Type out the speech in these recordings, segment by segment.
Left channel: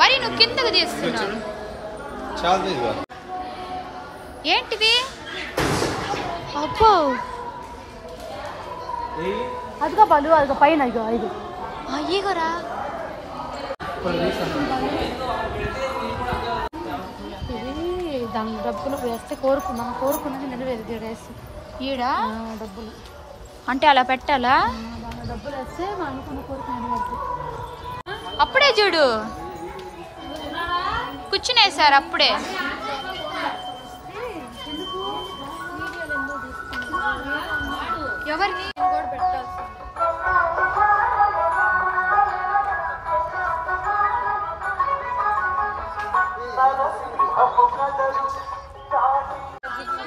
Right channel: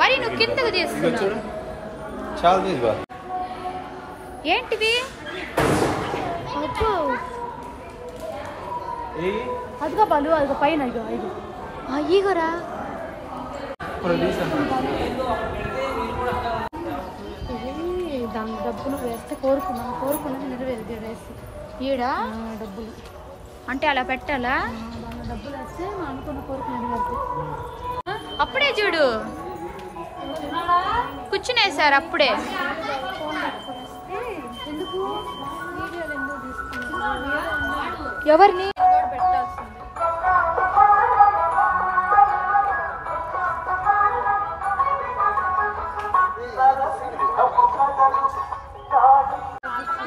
మరి నువ్వు కిందకు తీస్తున్నావు ఏంటిది? అబ్బో అదిగో బలు అదిగో పైన అయ్యగరా దాని డబ్బులు వేస్తే కోరుకున్నాను నెరవేరేసి ఈడ డబ్బులు అంటే అలా పెట్టాలా? దాని డబ్బులు వేస్తే మనం అనుకున్న కోరిక నెరవేరుతుంది. అప్పుడే చూడు కూర్చునేసారు అప్పుడే. ఎవరిని?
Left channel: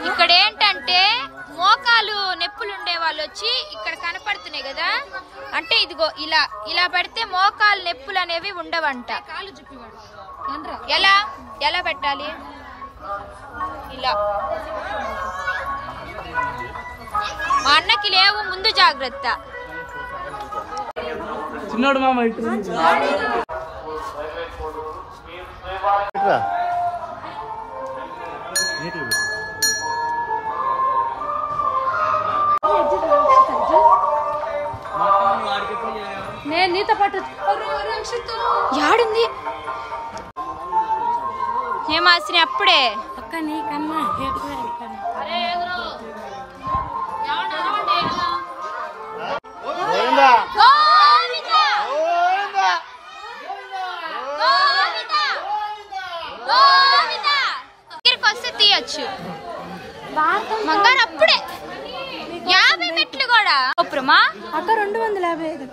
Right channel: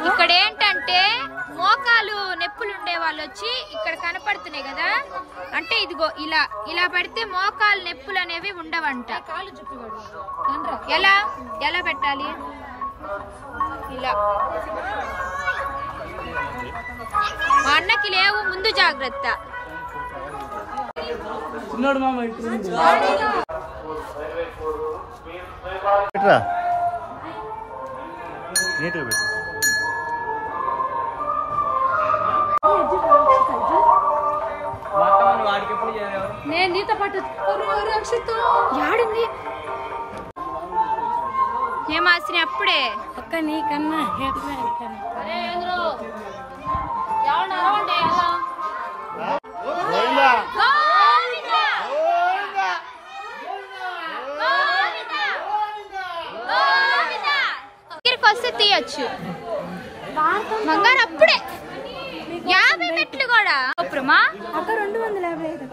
ఇక్కడ ఏంటంటే మోకాలు నొప్పులు ఉండే వాళ్ళు వచ్చి ఇక్కడ కనపడుతున్నాయి కదా, అంటే ఇదిగో ఇలా ఇలా పెడితే మోకాలు నొప్పులు అనేవి ఉండవంట. ఎలా ఎలా పెట్టాలి? ఇలా. మా అన్నకి లేవు, ముందు జాగ్రత్త. నేను నీతో పాటు యాడుంది హేమాశ్రీ? అప్పుడే ఒక్క నీకన్నా వస్తే తీయచ్చు బంగారు. అప్పుడే 50 మెట్లు కూడా అప్పుడమా అక్క 255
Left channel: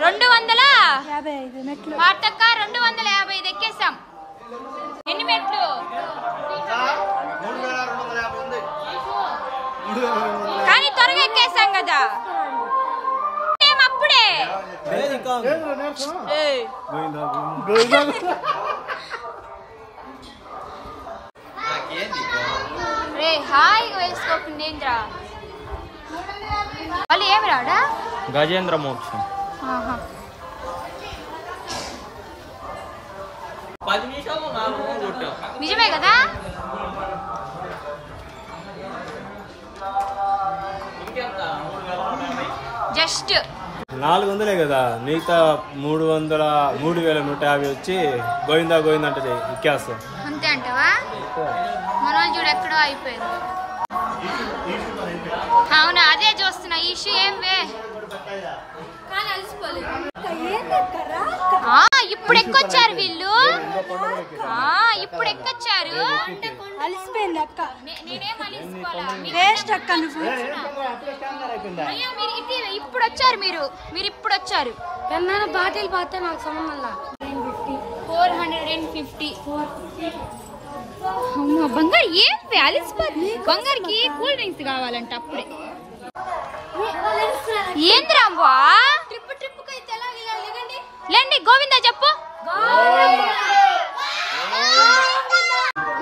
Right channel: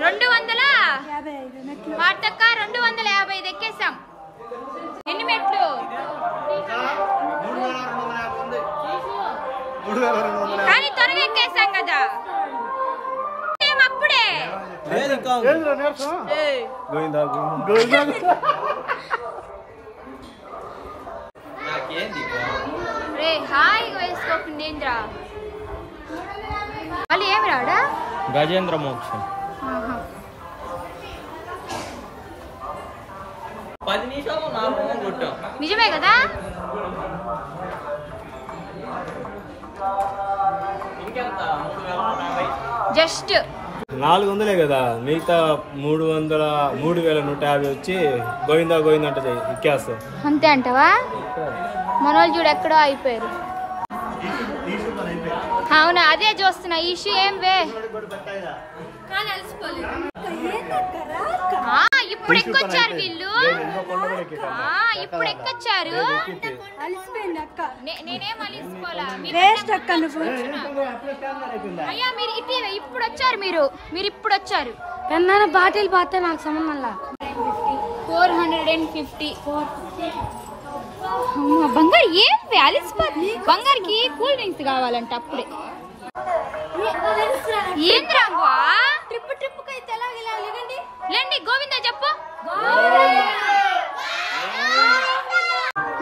200 మెట్లు వార్తక్క 255 ఎక్కేసాం. ఎన్ని మెట్లు? కానీ త్వరగా ఎక్కేసాం కదా. అప్పుడే రే హాయిగా వేసుకోకుండా ఏంద్రా వాళ్ళు ఏమి రాడా? గజేంద్ర మోక్షం 10 నిమిషాలు నిజమే కదా? జస్ట్ 400 కదా, మిగతా 3,150 వచ్చి గోవిందా గోవిందా అంటే ఎక్కేస్తా. అంతే అంటవా? మన వాళ్ళు చూడు ఎక్కడో అయిపోయారు. అవునా, అదే చూస్తున్నా. ఇష్యూ ఏం వే ఇప్పుడు ఎక్కొచ్చారు వీళ్ళు. ఇప్పుడు ఎక్కొచ్చారు. నేనేం అలిసిపోలా. అయ్యా మీరు ఇప్పుడు వచ్చారు. మీరు ఇప్పుడు వచ్చారు. బాటిల్ పోతే నాకు సంబంధం 450. అమ్మా బంగారు ఏం అలిసిపోతుంది. బంగారుకి కూల్ డ్రింక్స్ కావాలంట అప్పుడే. ఏంద్రావా లేండి గోవిందా చెప్పు.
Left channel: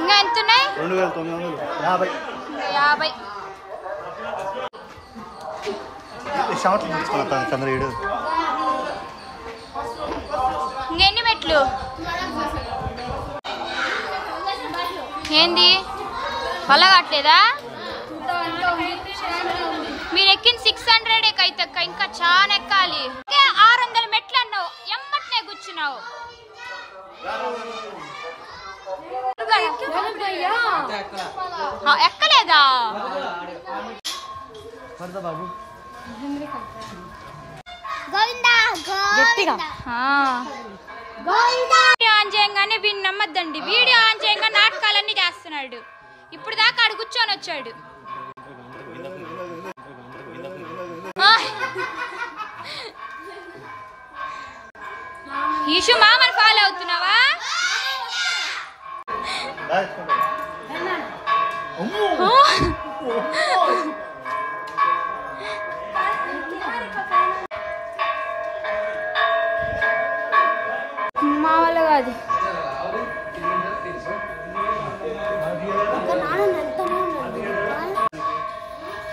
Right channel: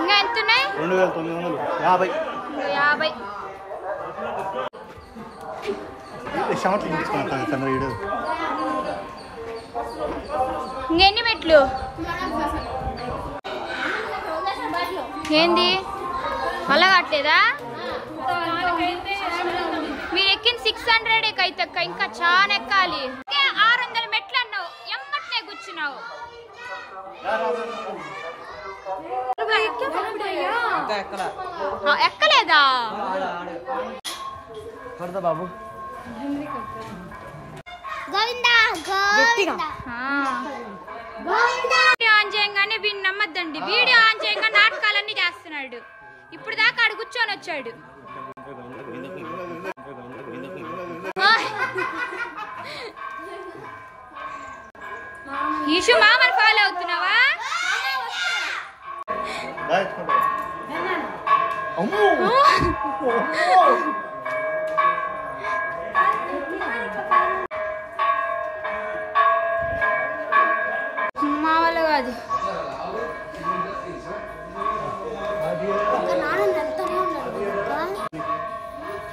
ఇంకా ఎంతున్నాయి? 2,950. ఇంకెన్ని మెట్లు? ఏంది అలా కావట్లేదా? మీరు ఎక్కిన 600 అయితే ఇంకా చాలా ఎక్కాలి. 600 మెట్లు అన్నావు, ఎమ్మట్నే కూర్చున్నావు. ఎక్కలేదా? వీడియో ఆన్ చేయంగానే వీడిని నమ్మద్దండి. వీడియో ఆన్ చేయంగా నాటకాలన్నీ చేస్తున్నాడు. ఇప్పుడు దాకా ఆడు కూర్చొని వచ్చాడు. ఈషు మామని ఫాలో అవుతున్నావా? మా వల్ల కాదు.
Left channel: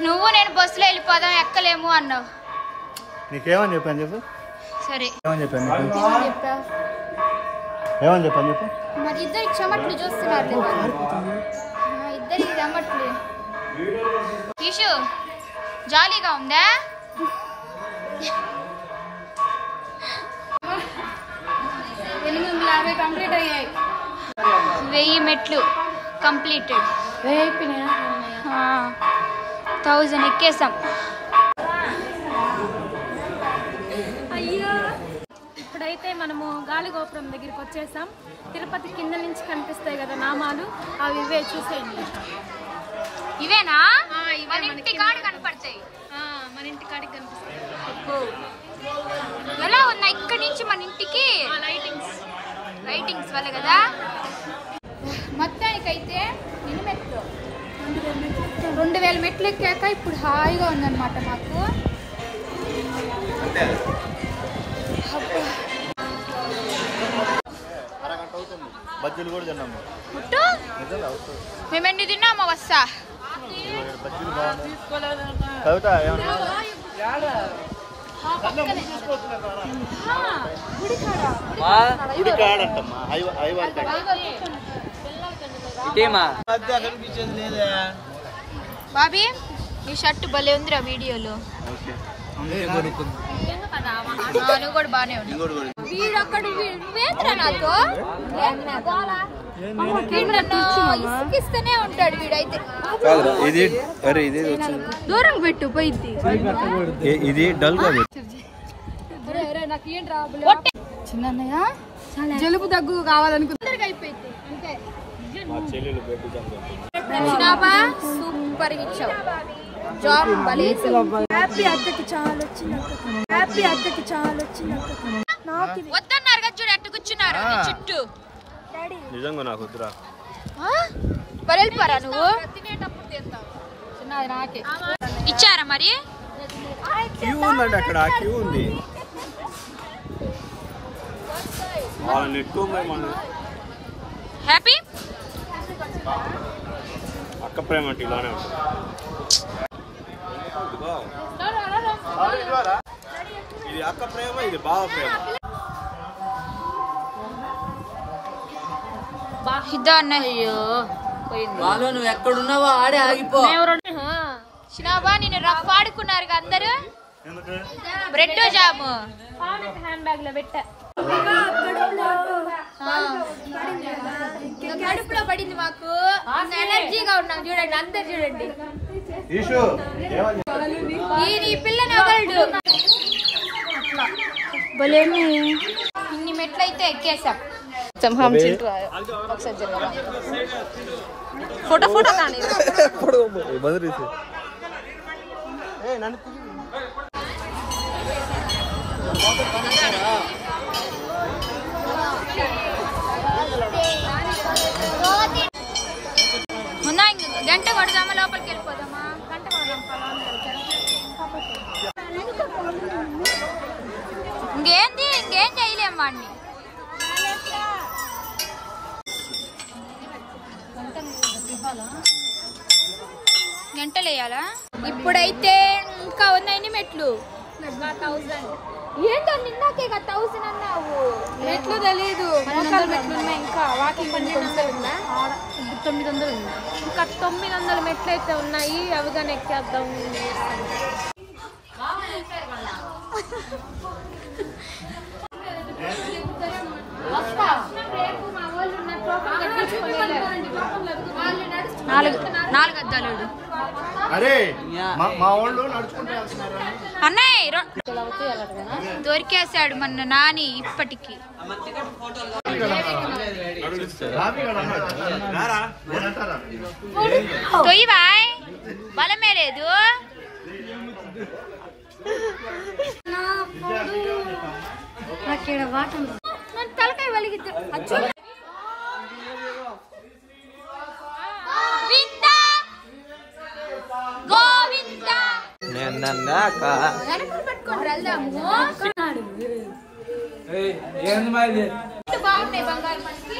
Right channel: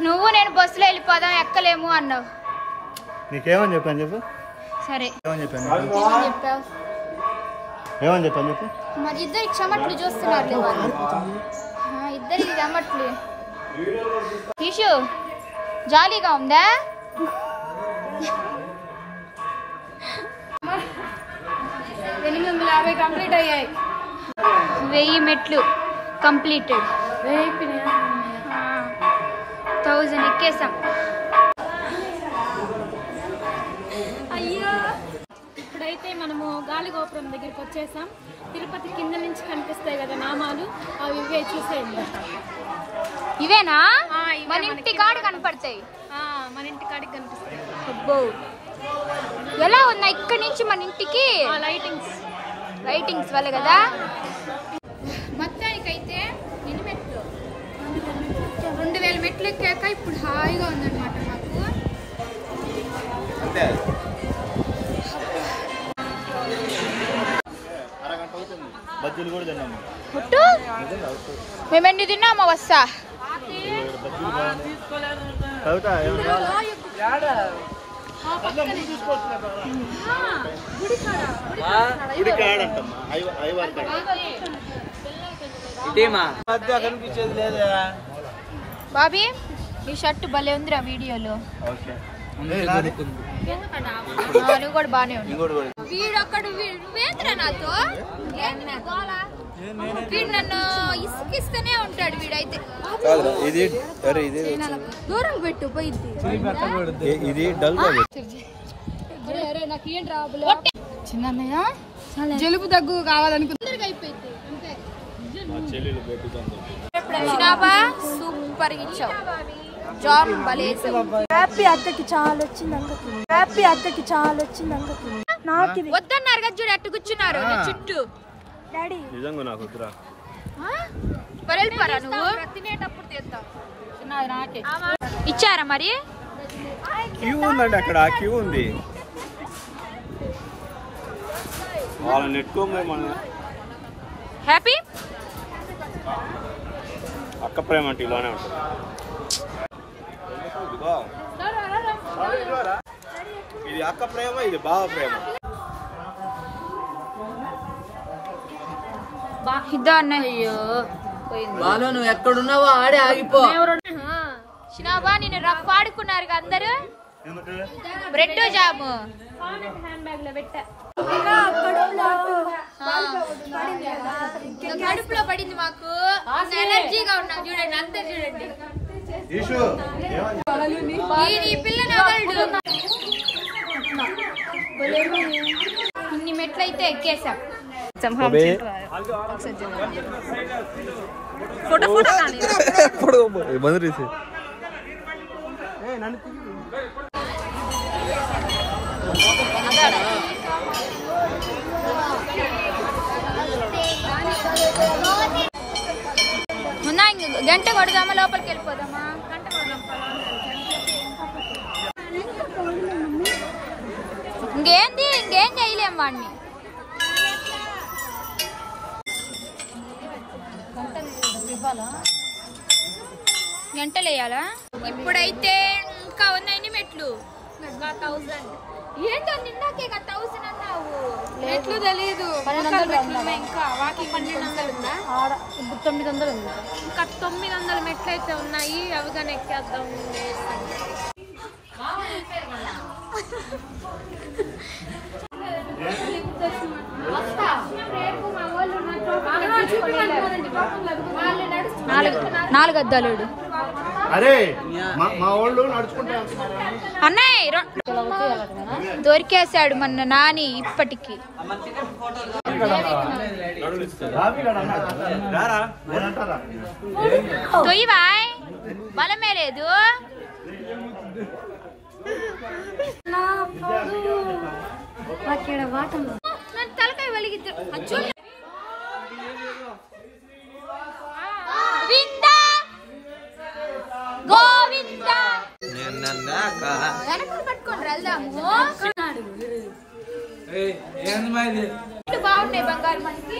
నువ్వు నేను బస్సులో వెళ్ళిపోదాం ఎక్కలేము అన్నావు. నీకేమని చెప్పాను చెప్పు. సరే ఏమని చెప్పాను చెప్పావు ఏమని చెప్పాను చెప్పు మరి ఇద్దరికి చెమట్లు చూస్తున్నారు ఇద్దరికి చెమట్లు ఈషు జాలీగా ఉందా 850 కంప్లీట్ అయ్యాయి 1000 మెట్లు కంప్లీటెడ్ 1000 ఎక్కేసాం ఇప్పుడైతే మనము గాలిగోపురం దగ్గరికి వచ్చేసాం. తిరుపతి కింద నుంచి కనిపిస్తాయి కదా నామాలు, అవి ఇవే చూసేయండి. ఇవేనా మన ఇంటి కాడ కనపడతాయి. మన ఇంటి కాడికి కనిపిస్తాయి. అబ్బో ఎలా ఉన్నాయి ఇక్కడ నుంచి మన ఇంటికి లైటింగ్స్ వల్ల కదా. మొత్తానికైతే ఎన్ని మెట్లు 2000 మెట్లు ఎక్కాక ఇప్పుడు హాయిగా ఉందన్నమాట మాకు. అరగంట అవుతుంది బజ్జీలు కూడా తిన్నాము మేమెన్ని తిన్నామా వస్తా బజ్జీలు గుడి కాడంటమ్మా బాబీ ఈ షర్ట్ భలే ఉందిరా వీడియోలో. నువ్వు కూడా బానే ఉన్నావు. వీడొక్కడు వేతరా నాతో వీడు నన్ను ఇసుకిస్తూనే ఉంటాడు. వీడైతే దూరం పెట్టు పోయింది. చిన్నయ్య జలుబు దగ్గు కావాలనుకుంటే అయిపోయింది అంతే. సూపర్ ఇచ్చావు జాబ్ వద్దన్నారు కదా చూడు ఎట్టు కూర్చున్నారు నీ చుట్టూ. నిజంగా నాకు వద్దురా వెళ్ళిపోరా నువ్వు. ఇచ్చారా మరి? క్యూ ఉందండి అక్కడ క్యూ ఉంది. వాళ్ళని నెట్టుకోమని మన హ్యాపీ అక్క ప్రేమ అంటే ఇలానే ఉంటుంది. ఇది అక్క ప్రేమ, ఇది బావ ప్రేమ. నువ్వు ఎక్కడున్నావో ఆడే ఆగిపో. చిన్నాబా నిన్ను రఫ్ ఆడుకున్నారు అందరు. బ్రెడ్ జాము కడుపులో పడింది మాకు. ఎనర్జీగా ఉన్నాం చూడండి అంతే. చూడండి ఈ పిల్లని ఎవరు ఇన్ని మెట్లయితే ఎక్కేసాం. ఫోటో ఫోటో గంట కొడదామా లోపలికి వెళ్ళిపోదామా? ఇంకేం చేయలేం వాడిని. గంటలు వేయాలా? ఇప్పుడైతే ఇంకా ఉన్నాయి మెట్లు. ఏంటో నిన్నాకే 1000 అన్నావు. మెట్లు తెలీదు, మోకాలు మెట్లు ఉన్నాయి. ఇంకా వాకింగ్ ఇంకా 900 మెట్లు అయితే ఉన్నాయి. అవిగానే ఎక్కేద్దాం. నాలుగు అద్దాలేడు అరే మా వాళ్ళు నడుచుకుంటే అన్నయ్య దొరికేశాడు మన నాని. ఇప్పటికి తొయ్యవాయ్ బలమే లేదు. తలకాయ వలిగిద్దు. గోవిందా పెట్టుకోండి వెళ్దాము. బాగున్నాయి బంగారు మనకి.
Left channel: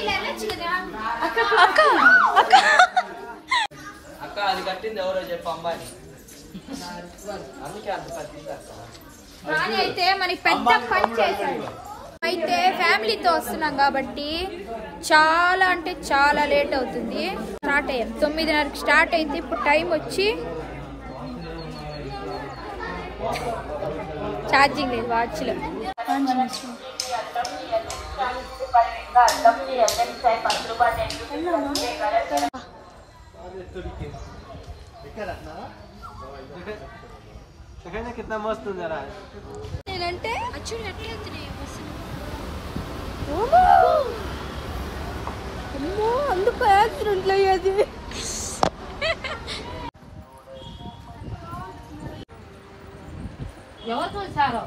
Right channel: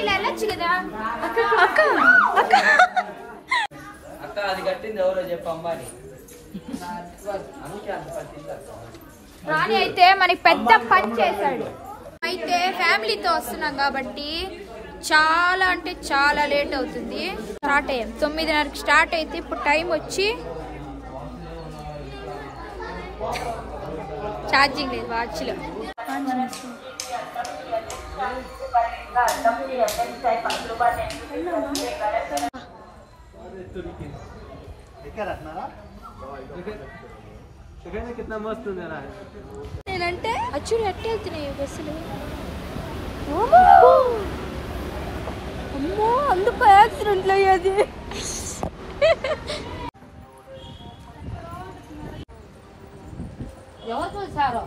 ఇలా వెళ్ళొచ్చు కదా అక్క. అక్క అక్క అక్క అది కట్టింది ఎవరో చెప్పు అమ్మాయి. రాణి అయితే మనకి పెద్ద పని చేశాడు. అయితే ఫ్యామిలీతో వస్తున్నాం కాబట్టి చాలా అంటే చాలా లేట్ అవుతుంది. స్టార్ట్ అయ్యాం 9:30కి స్టార్ట్ అయితే ఇప్పుడు టైం వచ్చి ఛార్జింగ్ లేదు వాచ్లో. అచ్చుడు ఎట్టే అవుతున్నాయి బస్సులు. అందుకు యాక్సిడెంట్లు అయ్యేది. ఎవరు చూసారో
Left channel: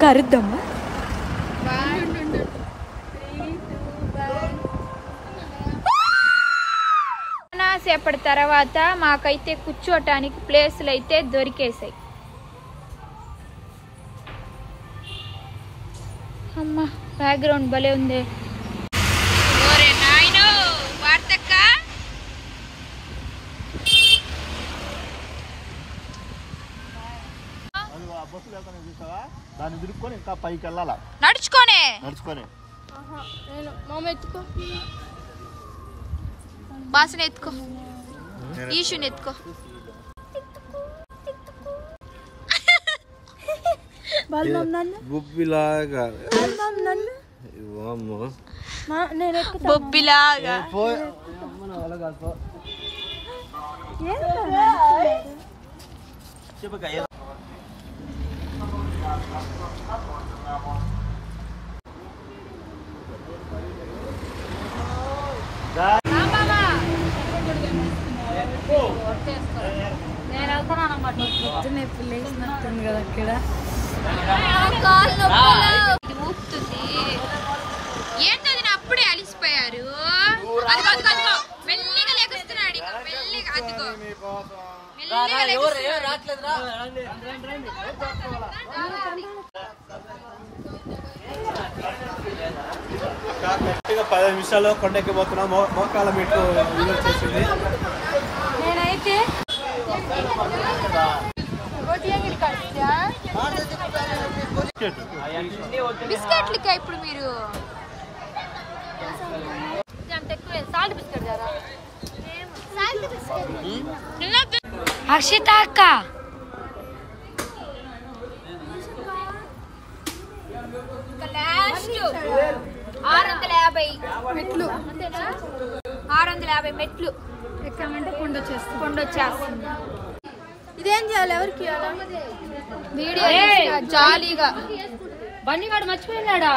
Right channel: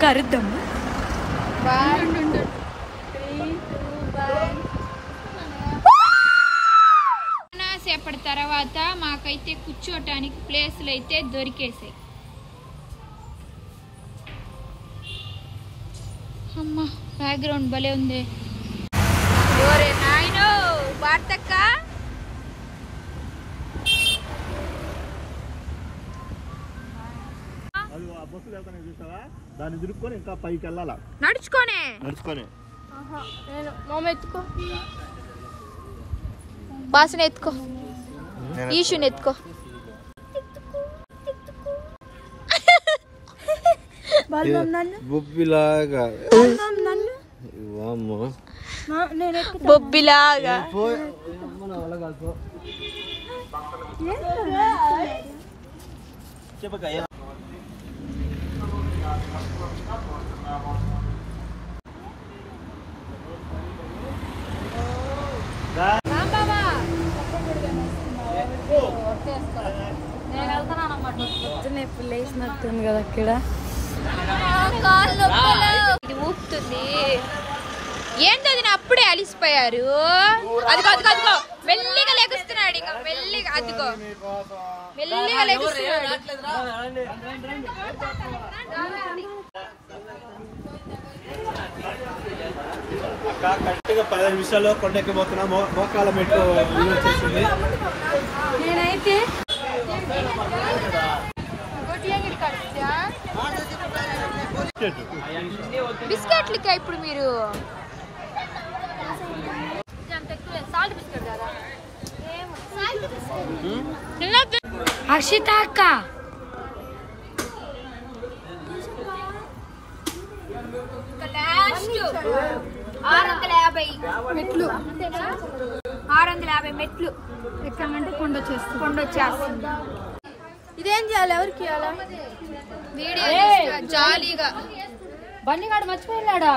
కరుద్దాము. సేపటి తర్వాత మాకైతే కూర్చోటానికి ప్లేసులు అయితే దొరికేసాయి. అమ్మా బ్యాక్గ్రౌండ్ భలే ఉంది. ఓరే నాయనో వార్తక్క దాన్ని తిరుక్కొని ఇంకా పైకి వెళ్ళాలా నడుచుకోనే. బాసన ఎత్తుకో, ఈషుని ఎత్తుకో. బొబ్బిలాగా బొబ్బిలాగా నేను వెళ్తాను అన్నమాట. నొప్పులు వేసినట్టుంది కదా ఇక్కడ. ఊపుతుంది. ఏంటది నా అప్పుడే అలిసిపోయారు. అదిగో అదిగో అదిగో మెల్లిగా లెగుస్తున్నాడు. ఇంకా మెల్లిగా అదిగో మెల్లిగా లెగుస్తున్నాడు. 10 నిమిషాల్లో కొండెక్కిపోతున్నా. మోకాల మెట్టు వచ్చేసింది. నేనైతే బిస్కెట్లకా ఇప్పుడు మీరు హర్షిత అక్క లాస్ట్ 650 మెట్లు 650 మెట్లు ఎక్కమంటే కొండొచ్చేస్తుంది. ఇదేం చేయాలి? ఎవరికి జాలీగా బన్నీ వాడు మర్చిపోయినాడా?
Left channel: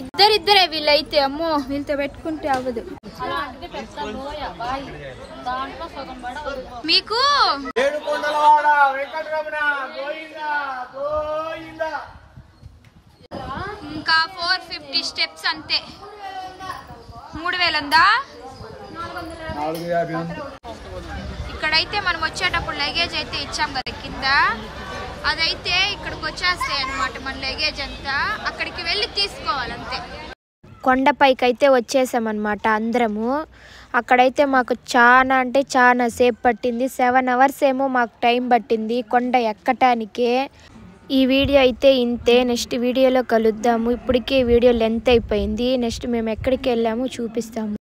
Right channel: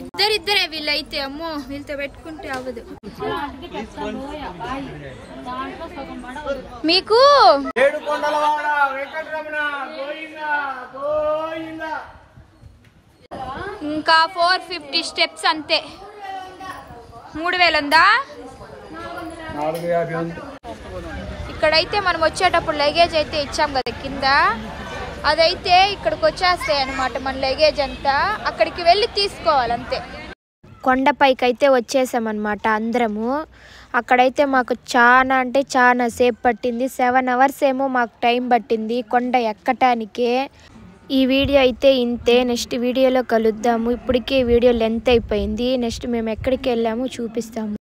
ఇద్దరిద్దరే వీళ్ళైతే. అమ్మో వీళ్ళతో పెట్టుకుంటే అవ్వదు. మీకు ఇంకా 450 స్టెప్స్ అంతే. 3000 ఉందా? ఇక్కడైతే మనం వచ్చేటప్పుడు లగేజ్ అయితే ఇచ్చాం కదా కింద, అదైతే ఇక్కడికి వచ్చేస్తాయి అన్నమాట. మన లగేజ్ అంతా అక్కడికి వెళ్ళి తీసుకోవాలి అంతే. కొండపైకి అయితే వచ్చేసామన్నమాట అందరము. అక్కడైతే మాకు చాలా అంటే చాలా సేపు పట్టింది. 7 hours ఏమో మాకు టైం పట్టింది కొండ ఎక్కటానికే. ఈ వీడియో అయితే ఇంతే. నెక్స్ట్ వీడియోలో కలుద్దాము. ఇప్పటికే వీడియో లెంత్ అయిపోయింది. నెక్స్ట్ మేము ఎక్కడికి వెళ్ళాము చూపిస్తాము.